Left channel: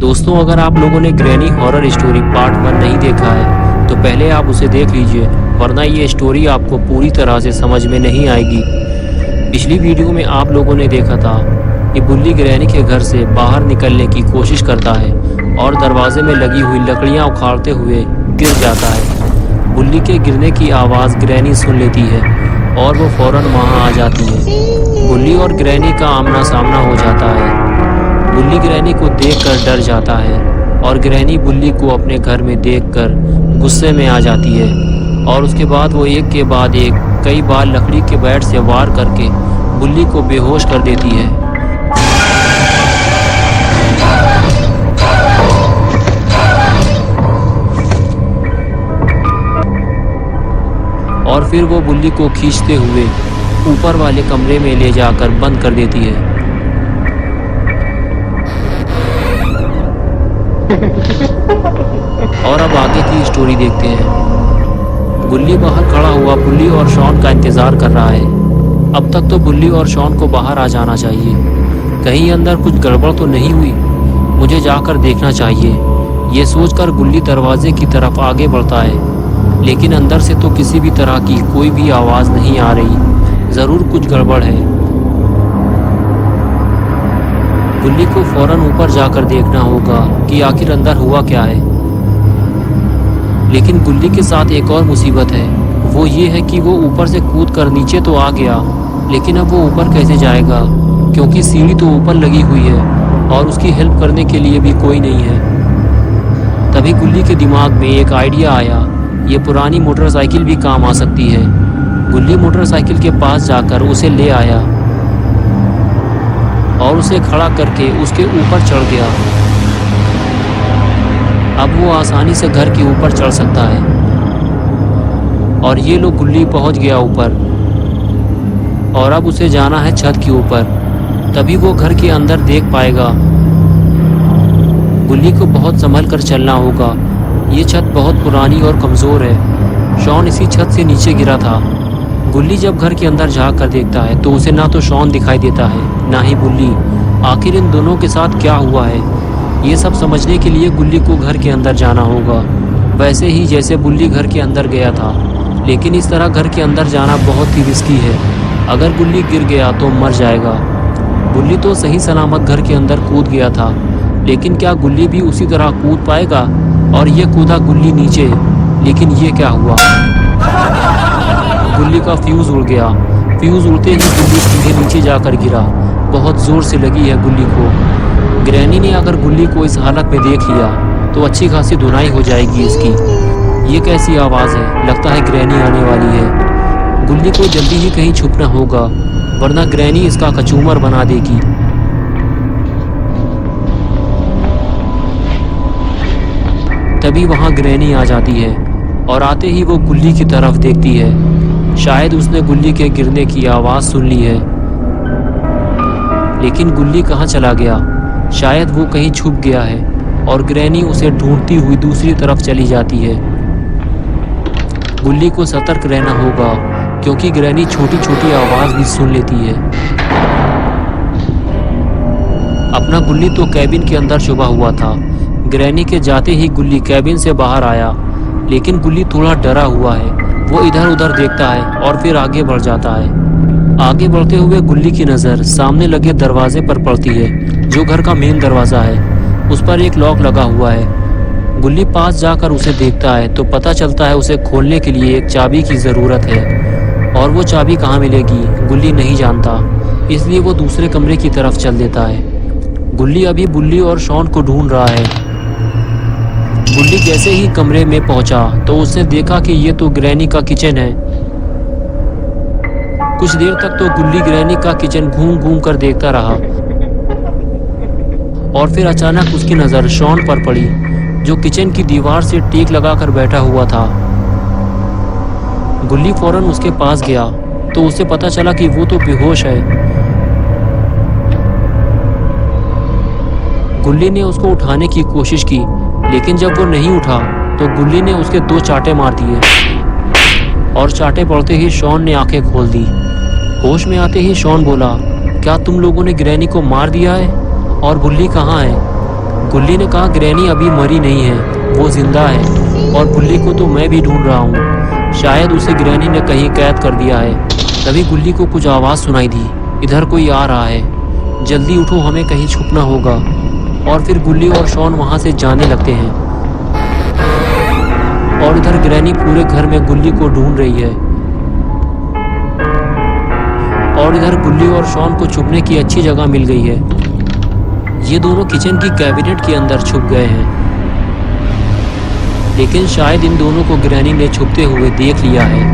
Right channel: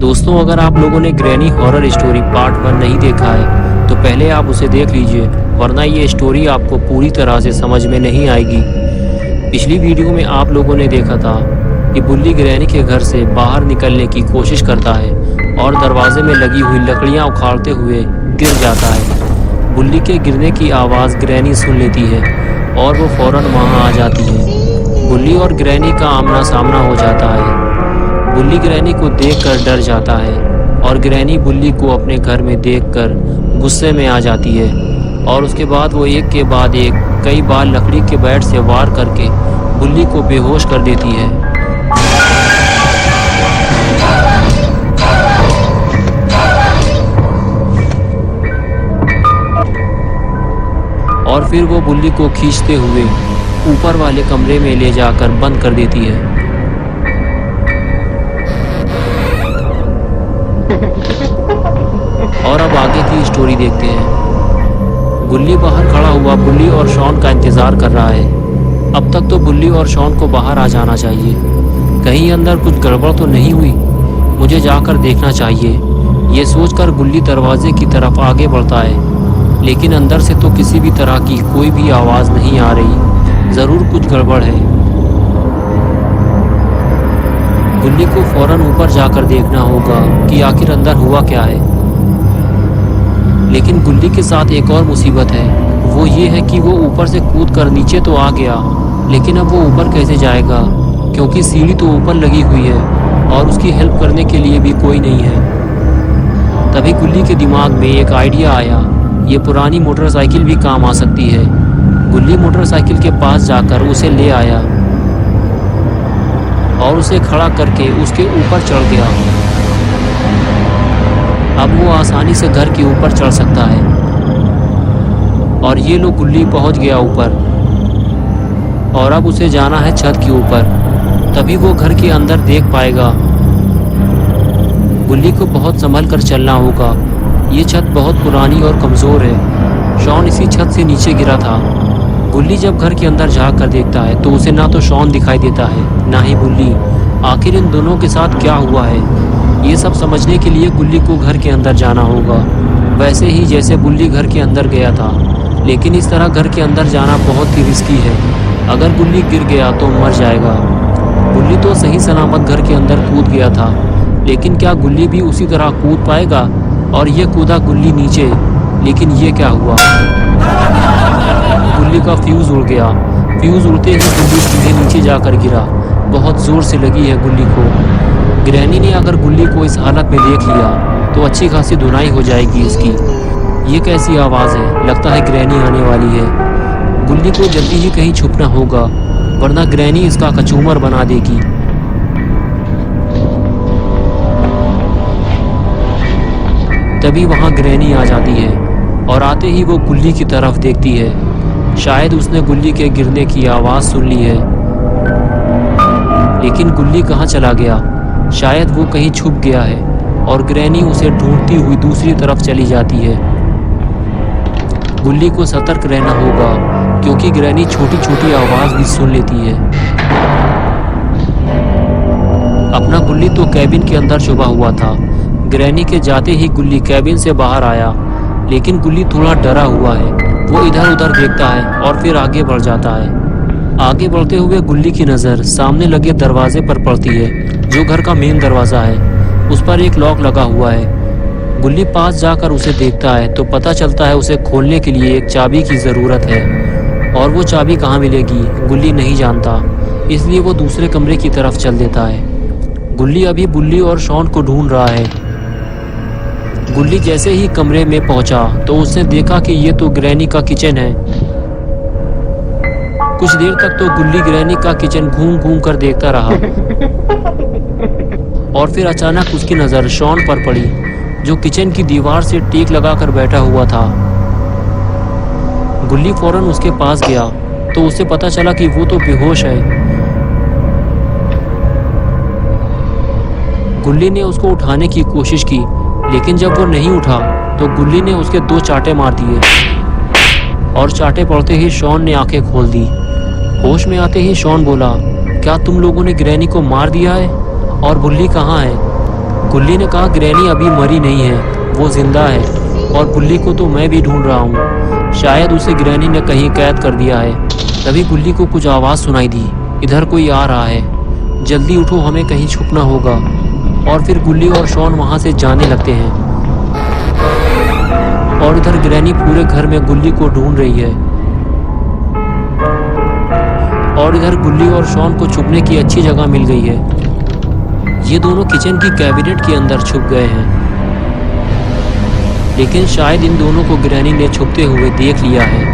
दोस्तों, अगर आप लोगों ने ग्रैनी हॉरर स्टोरी पार्ट 1 नहीं देखा है तो पहले आप उसे देख लीजिए, वरना ये स्टोरी आपको पूरी तरह से समझ में नहीं आएगी। पिछली वीडियो में आप लोगों ने देखा था कि बुल्ली ग्रैनी के घर से बाहर निकलने की कोशिश करता है और दरवाजे में लगी हुई लकड़ियां उखाड़ते हुए गिर जाता है। बुल्ली के गिरने की आवाज़ ग्रैनी सुन लेती है और वो फौरन वहां आ जाती है। बुल्ली और ग्रैनी का आमना सामना हो जाता है। बुल्ली ग्रैनी को देखकर डर जाता है और ग्रैनी बुल्ली को अपने घर में देखकर गुस्से में आ जाती है और उसके बाद वो एक के बाद एक कई बार लकड़ी के बैट से वार करके बुल्ली को बेहोश कर देती है। और फिर वो बुल्ली को खींचते हुए ऊपर वाले कमरे में ले जाकर बंद कर देती है। और अब आगे की स्टोरी देखते हैं। बुल्ली बाहर खड़ा हुआ बुल्ली और शॉन का इंतजार कर रहा है। अब तक तो बुल्ली और शॉन को बाहर आ जाना चाहिए। कहीं अंदर कुछ गड़बड़ तो नहीं हुई, मुझे जाकर देखना चाहिए। ये सोचकर बुल्ली दरवाजे की तरफ आगे बढ़ता है, लेकिन अंदर से तो किसी भी तरह की कोई भी आवाज़ नहीं आ रही। ज़रूर कुछ गड़बड़ है। बुल्ली को फौरन ऊपर जाकर देखना होगा कि आखिर अंदर हुआ क्या है। लेकिन बुल्ली के साथ एक और मुसीबत है, वो ये है कि वो ऊपर से कूद कर नीचे तो आ गया, लेकिन अब वो ऊपर कैसे जाएगा, क्योंकि सीढ़ी तो ऊपर लगी हुई है और उसकी हेल्प करने के लिए भी कोई नहीं है। तभी बुल्ली के दिमाग में एक आइडिया आया, ये पुरानी मोटरसाइकिल भी काम आ सकती है। बुल्ली मोटरसाइकिल के पास जाकर उसे ले आया और उसे खड़ा करके उसके ऊपर चढ़ गया। अब वो आसानी से घर के ऊपर चढ़ सकता है। और ये लो बुल्ली पहुंच गया ऊपर और अब उसे जाना है छत के ऊपर, तभी वो घर के अंदर देख पाएगा। बुल्ली को बहुत संभल कर चलना होगा, ये छत बहुत पुरानी और कमज़ोर है। शॉन इसी छत से नीचे गिरा था। बुल्ली जब घर के अंदर झाँक कर देखता है तो उसे ना तो शॉन दिखाई देता है ना ही बुल्ली। आखिर इन दोनों के साथ क्या हुआ है, ये सब समझने के लिए बुल्ली को घर के अंदर जाना होगा, वैसे ही जैसे बुल्ली घर के अंदर गया था। लेकिन इस तरह घर के अंदर जाना बहुत ही रिस्की है। अगर बुल्ली गिर गया तो मर जाएगा। बुल्ली तो सही सलामत घर के अंदर कूद गया था, लेकिन क्या गुल्ली भी उसी तरह कूद पाएगा? और ये कूदा गुल्ली नीचे, लेकिन ये क्या हुआ? गुल्ली का फ्यूज़ उड़ गया। फ्यूज़ उड़ते ही गुल्ली सीधे नीचे जाकर गिरा। बहुत ज़ोर से लगी है गुल्ली को। ग्रैनी ने अगर गुल्ली को इस हालत में देख लिया तो अच्छी खासी धुनाई हो जाएगी इसकी। ये कैसी आवाज़ है? लगता है ग्रैनी आने वाली है। गुल्ली को जल्दी ही कहीं छुपना होगा, वरना ग्रैनी इसका कचूमर बना देगी। तभी वहाँ ग्रैनी आ जाती है और आते ही वो गुल्ली की तरफ देखती है। शायद उसने गुल्ली के गिरने की आवाज़ सुन ली है, लेकिन गुल्ली कहाँ चला गया? शायद वो कहीं छुप गया है और ग्रैनी उसे ढूंढती हुई दूसरी तरफ चली जाती है। गुल्ली को सतर्क रहना होगा, क्योंकि ग्रैनी छोटी छोटी आवाज़ भी सुन लेती है। अपना गुल्ली तो कैबिन के अंदर छुपा हुआ था। ग्रैनी के जाते ही गुल्ली कैबिन से बाहर आया, लेकिन गुल्ली थोड़ा डरा हुआ है। वो इधर उधर देखता है और फिर आगे बढ़ जाता है। आगे बढ़ते हुए गुल्ली की नज़र सामने लगे दरवाजे पर पड़ती है, जो घर का मेन दरवाज़ा है। उस पर एक लॉक लगा हुआ है। गुल्ली पास जाकर उसे देखता है तो पता चलता है उसे खोलने के लिए एक चाबी की ज़रूरत है, और वो चाबी कहाँ मिलेगी गुल्ली नहीं जानता, इसलिए वो दूसरे कमरे की तरफ चल देता है। गुल्ली अभी बुल्ली और शॉन को ढूंढ रहा है। गुल्ली जैसे ही कमरे में पहुंचा तो उसने देखा कि ये तो ग्रैनी का किचन है। कुछ देर तक तो गुल्ली ग्रैनी का किचन घूम घूम कर देखता रहा, और फिर अचानक उसकी नज़र शॉन पर पड़ी, जो किचन की दीवार से टीक लगाकर बैठा हुआ था। गुल्ली फौरन उसके पास गया तो उसे पता चला कि वो तो बेहोश है। गुल्ली ने उसको उठाने की कोशिश की, लेकिन जब वो नहीं उठा तो गुल्ली ने उसके 2 चांटे मार दिए, और चांटे पड़ते ही शॉन ने आंखें खोल दी। होश में आते ही शॉन बोला, क्या तुम लोगों ने ग्रैनी को मार दिया है? और बुल्ली कहाँ है? गुल्ली ने कहा, ग्रैनी अभी मरी नहीं है, वो जिंदा है और बुल्ली को तो मैं भी ढूंढ रहा हूँ। शायद उसे ग्रैनी ने कहीं कैद कर दिया है। तभी गुल्ली को कुछ आवाज़ सुनाई दी, इधर कोई आ रहा है, जल्दी उठो, हमें कहीं छुपना होगा। और फिर गुल्ली और शॉन वहाँ से जाने लगते हैं और इधर ग्रैनी पूरे घर में गुल्ली को ढूंढ रही है। और इधर गुल्ली और शॉन को छुपने की अच्छी जगह मिल गई है। ये दोनों किचन की कैबिनेट के अंदर छुप गए हैं, लेकिन शायद इन दोनों को ग्रैनी ने छुपते हुए देख लिया है।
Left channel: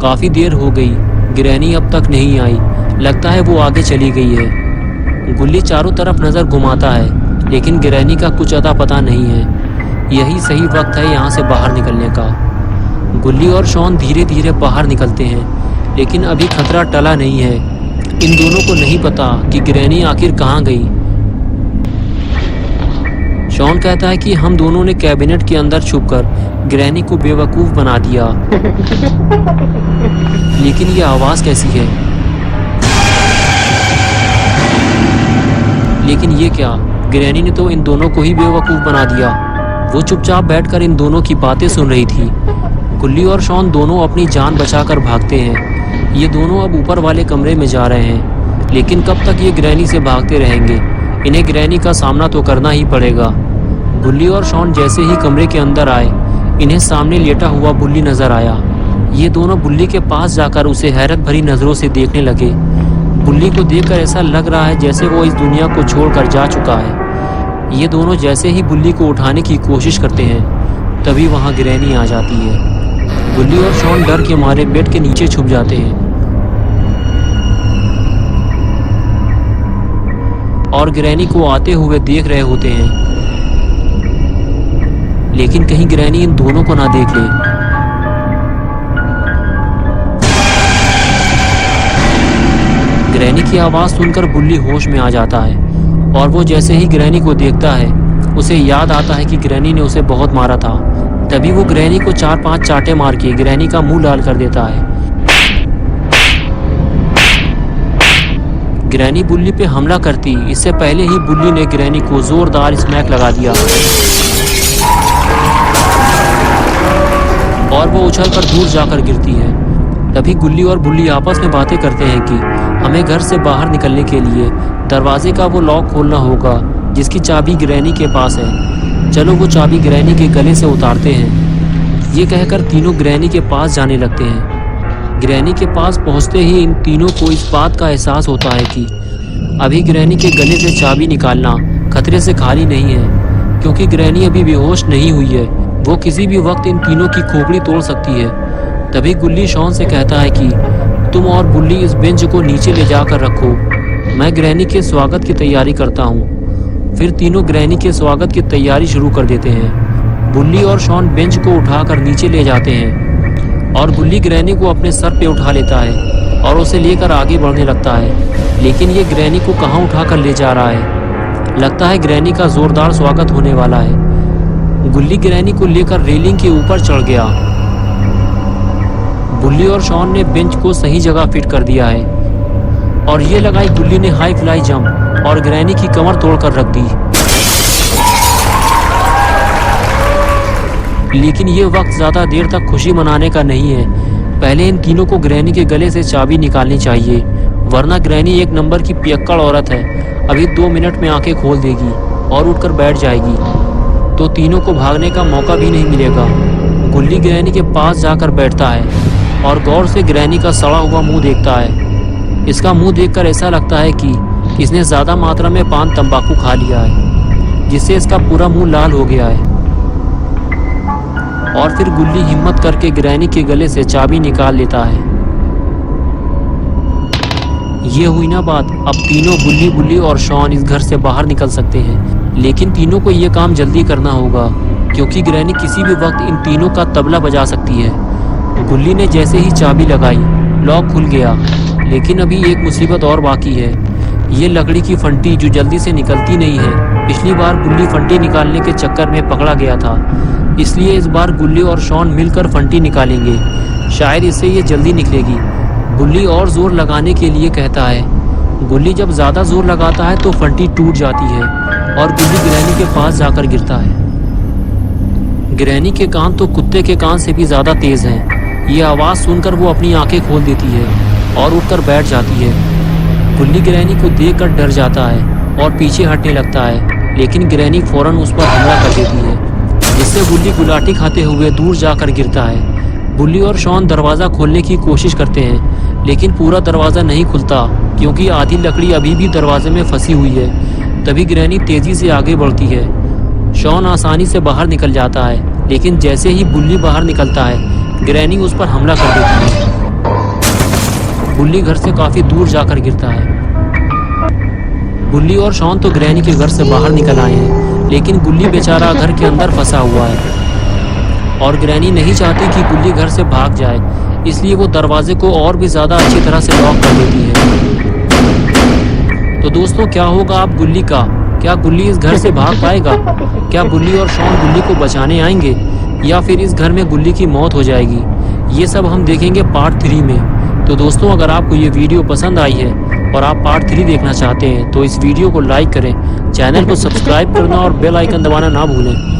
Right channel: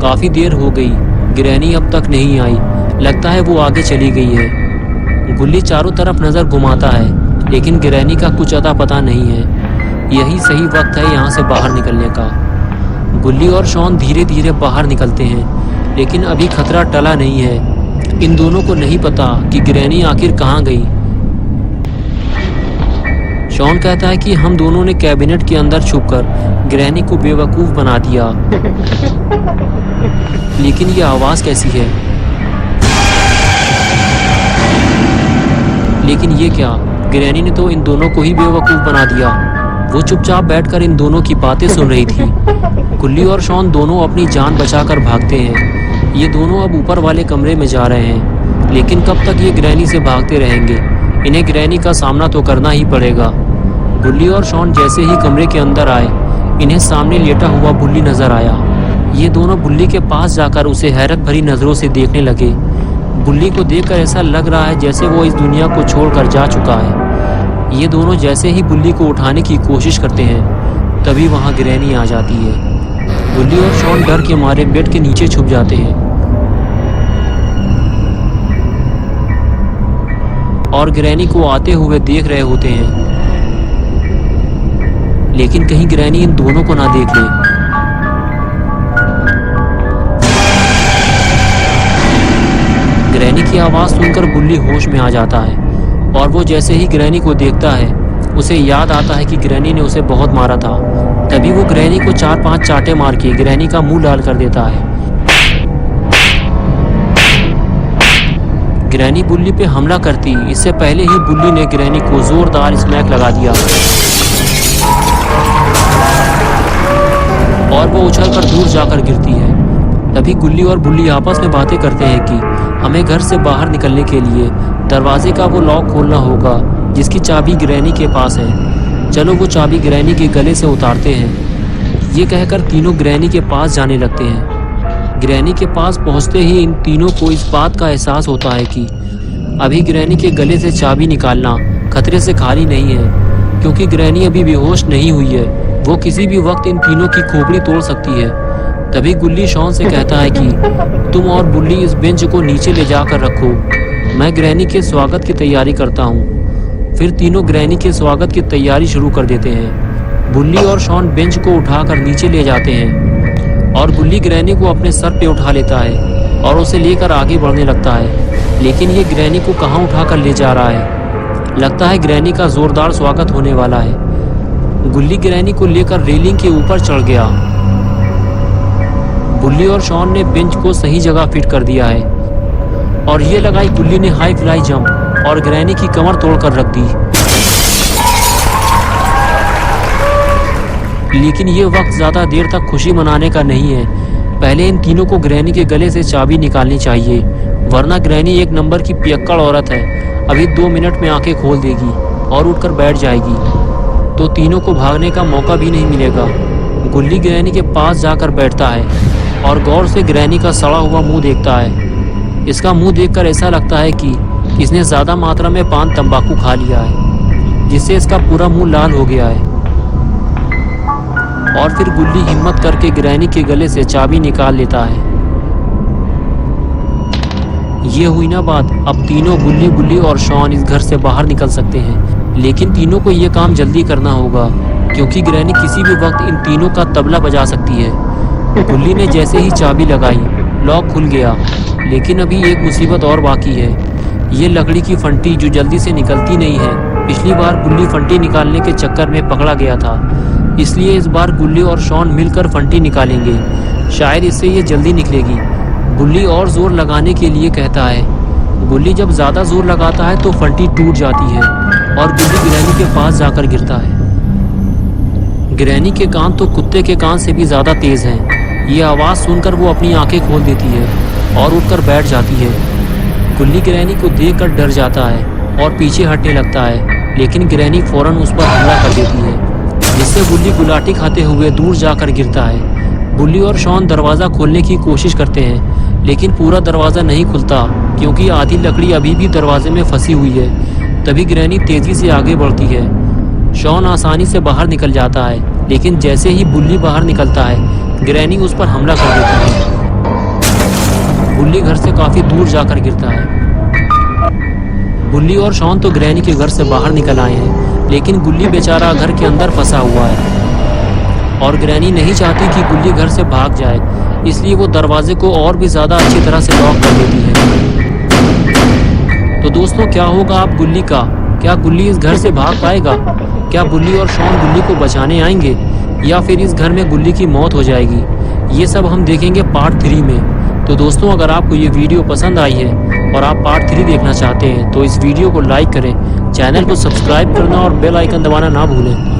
काफी देर हो गई, ग्रैनी अब तक नहीं आई। लगता है वो आगे चली गई है। गुल्ली चारों तरफ नजर घुमाता है, लेकिन ग्रैनी का कुछ अता पता नहीं है। यही सही वक्त है यहाँ से बाहर निकलने का। गुल्ली और शॉन धीरे धीरे बाहर निकलते हैं, लेकिन अभी खतरा टला नहीं है। इन दोनों को नहीं पता कि ग्रैनी आखिर कहाँ गई। शॉन कहता है कि हम दोनों ने कैबिनेट के अंदर छुपकर ग्रैनी को बेवकूफ बना दिया। लेकिन ये आवाज कैसी है? लेकिन ये क्या? ग्रैनी ने तो इन दोनों को ही बेवकूफ बना दिया। वो चुपचाप बैठकर इन दोनों की बातें सुन रही थी। गुल्ली और शॉन दोनों अपनी जान बचाकर भागते हैं। ये दोनों अब ऊपर वाले कमरे में जा रहे हैं, लेकिन कब तक ये ग्रैनी से भागते रहेंगे? इन्हें ग्रैनी का सामना तो करना ही पड़ेगा। गुल्ली और शॉन जैसे ही कमरे के अंदर आए, इन्हें सामने लेटा हुआ बुल्ली नजर आया। ये दोनों बुल्ली के पास जाकर उसे हैरत भरी नजरों से देखने लगे। बुल्ली को देखकर ऐसा लग रहा है जैसे वो इस दुनिया को छोड़कर जा चुका है। ये दोनों जैसे ही बुल्ली को उठाने की कोशिश करते हैं, तभी वहां ग्रैनी आ जाती है। गुल्ली और शॉन डर के मारे बेड के नीचे छुप जाते हैं और ग्रैनी को आते हुए देख रहे होते हैं, लेकिन कहीं ग्रैनी इन दोनों को ना देख ले। ग्रैनी की आवाज सुनकर बुल्ली होश में आ जाता है और वो जैसे ही ग्रैनी को देखता है, उसे याद आता है कि ग्रैनी ने उसे बहुत मारा था। तभी वो ग्रैनी को 4-5 चाटे मार के ग्रैनी का मुंह लाल कर देता है। ग्रैनी बुल्ली पे हमला करती इससे पहले ही बुल्ली ने ग्रैनी को जोरदार स्मैक लगा दिया और वो उछलकर दूर जाकर गिरती है। तभी गुल्ली और बुल्ली आपस में बातें करते हैं कि हमें घर से बाहर निकलने के लिए दरवाजे का वो लॉक खोलना होगा जिसकी चाबी ग्रैनी के पास है। चलो वो चाबी ग्रैनी के गले से उतारते हैं। ये कहकर तीनों ग्रैनी के पास जाने लगते हैं। ग्रैनी के पास पहुंचते ही इन तीनों को इस बात का एहसास होता है कि अभी ग्रैनी के गले से चाबी निकालना खतरे से खाली नहीं है, क्योंकि ग्रैनी अभी बेहोश नहीं हुई है। वो किसी भी वक्त इन तीनों की खोपड़ी तोड़ सकती है। तभी गुल्ली शॉन से कहता है कि तुम और बुल्ली इस बेंच को नीचे ले जाकर रखो, मैं ग्रैनी के स्वागत की तैयारी करता हूँ। फिर तीनों ग्रैनी के स्वागत की तैयारी शुरू कर देते हैं। बुल्ली और शॉन बेंच को उठाकर नीचे ले जाते हैं और बुल्ली ग्रैनी को अपने सर पे उठा लेता है और उसे लेकर आगे बढ़ने लगता है। लेकिन ये ग्रैनी को कहाँ उठाकर ले जा रहा है? लगता है ग्रैनी का जोरदार स्वागत होने वाला है। गुल्ली ग्रैनी को लेकर रेलिंग के ऊपर चढ़ गया। बुल्ली और शॉन ने बेंच को सही जगह फिट कर दिया है और ये लगाई गुल्ली ने हाई फ्लाई जंप और ग्रैनी की कमर तोड़कर रख दी। लेकिन ये वक्त ज्यादा देर तक खुशी मनाने का नहीं है। पहले इन तीनों को ग्रैनी के गले से चाबी निकालनी चाहिए, वरना ग्रैनी एक नंबर की पियक्कड़ औरत है। अभी 2 मिनट में आंखें खोल देगी और उठकर बैठ जाएगी, तो तीनों को भागने का मौका भी नहीं मिलेगा। गुल्ली ग्रैनी के पास जाकर बैठता है और गौर से ग्रैनी का सड़ा हुआ मुंह देखता है। इसका मुंह देखकर ऐसा लगता है कि इसने ज्यादा मात्रा में पान तंबाकू खा लिया है, जिससे इसका पूरा मुंह लाल हो गया है। और फिर गुल्ली हिम्मत करके ग्रैनी के गले से चाबी निकाल लेता है। ये हुई ना बात। अब तीनों बुल्ली और शॉन इस घर से बाहर निकल सकते हैं, लेकिन तीनों को ये काम जल्दी करना होगा, क्योंकि ग्रैनी किसी भी वक्त इन तीनों का तबला बजा सकती है। गुल्ली ने जैसे ही चाबी लगाई, लॉक खुल गया। लेकिन अभी एक मुसीबत और बाकी है, ये लकड़ी की फंटी जो जल्दी से निकलती नहीं है। पिछली बार गुल्ली फंटी निकालने के चक्कर में पकड़ा गया था, इसलिए इस बार गुल्ली और शॉन मिलकर फंटी निकालेंगे। शायद इससे ये जल्दी निकलेगी। गुल्ली और जोर लगाने के लिए कहता है, गुल्ली जब ज़्यादा जोर लगाता है तो फंटी टूट जाती है और गुल्ली ग्रैनी के पास जाकर गिरता है। ग्रैनी के कान तो कुत्ते के कान से भी ज़्यादा तेज़ हैं। ये आवाज़ सुनकर वो अपनी आंखें खोल देती है और उठकर बैठ जाती है। गुल्ली ग्रैनी को देखकर डर जाता है और पीछे हटने लगता है, लेकिन ग्रैनी फ़ौरन उस पर हमला कर देती है, जिससे गुल्ली गुलाटी खाते हुए दूर जाकर गिरता है। बुल्ली और शॉन दरवाज़ा खोलने की कोशिश करते हैं, लेकिन पूरा दरवाज़ा नहीं खुलता क्योंकि आधी लकड़ी अभी भी दरवाजे में फंसी हुई है। तभी ग्रैनी तेज़ी से आगे बढ़ती है। शॉन आसानी से बाहर निकल जाता है, लेकिन जैसे ही बुल्ली बाहर निकलता है, ग्रैनी उस पर हमला कर देती है। बुल्ली घर से काफ़ी दूर जाकर गिरता है। बुल्ली और शॉन तो ग्रैनी के घर से बाहर निकल आए हैं, लेकिन गुल्ली बेचारा घर के अंदर फंसा हुआ है और ग्रैनी नहीं चाहती कि गुल्ली घर से भाग जाए, इसलिए वो दरवाजे को और भी ज़्यादा अच्छी तरह से लॉक कर देती है। तो दोस्तों, क्या होगा अब गुल्ली का? क्या गुल्ली इस घर से भाग पाएगा? क्या बुल्ली और शॉन गुल्ली को बचाने आएंगे या फिर इस घर में गुल्ली की मौत हो जाएगी? ये सब हम देखेंगे पार्ट 3 में। तो दोस्तों, अगर आपको ये वीडियो पसंद आई है और आप पार्ट 3 देखना चाहते हैं तो इस वीडियो को लाइक करें, चैनल को सब्सक्राइब करना और बेल आइकन दबाना ना भूलें।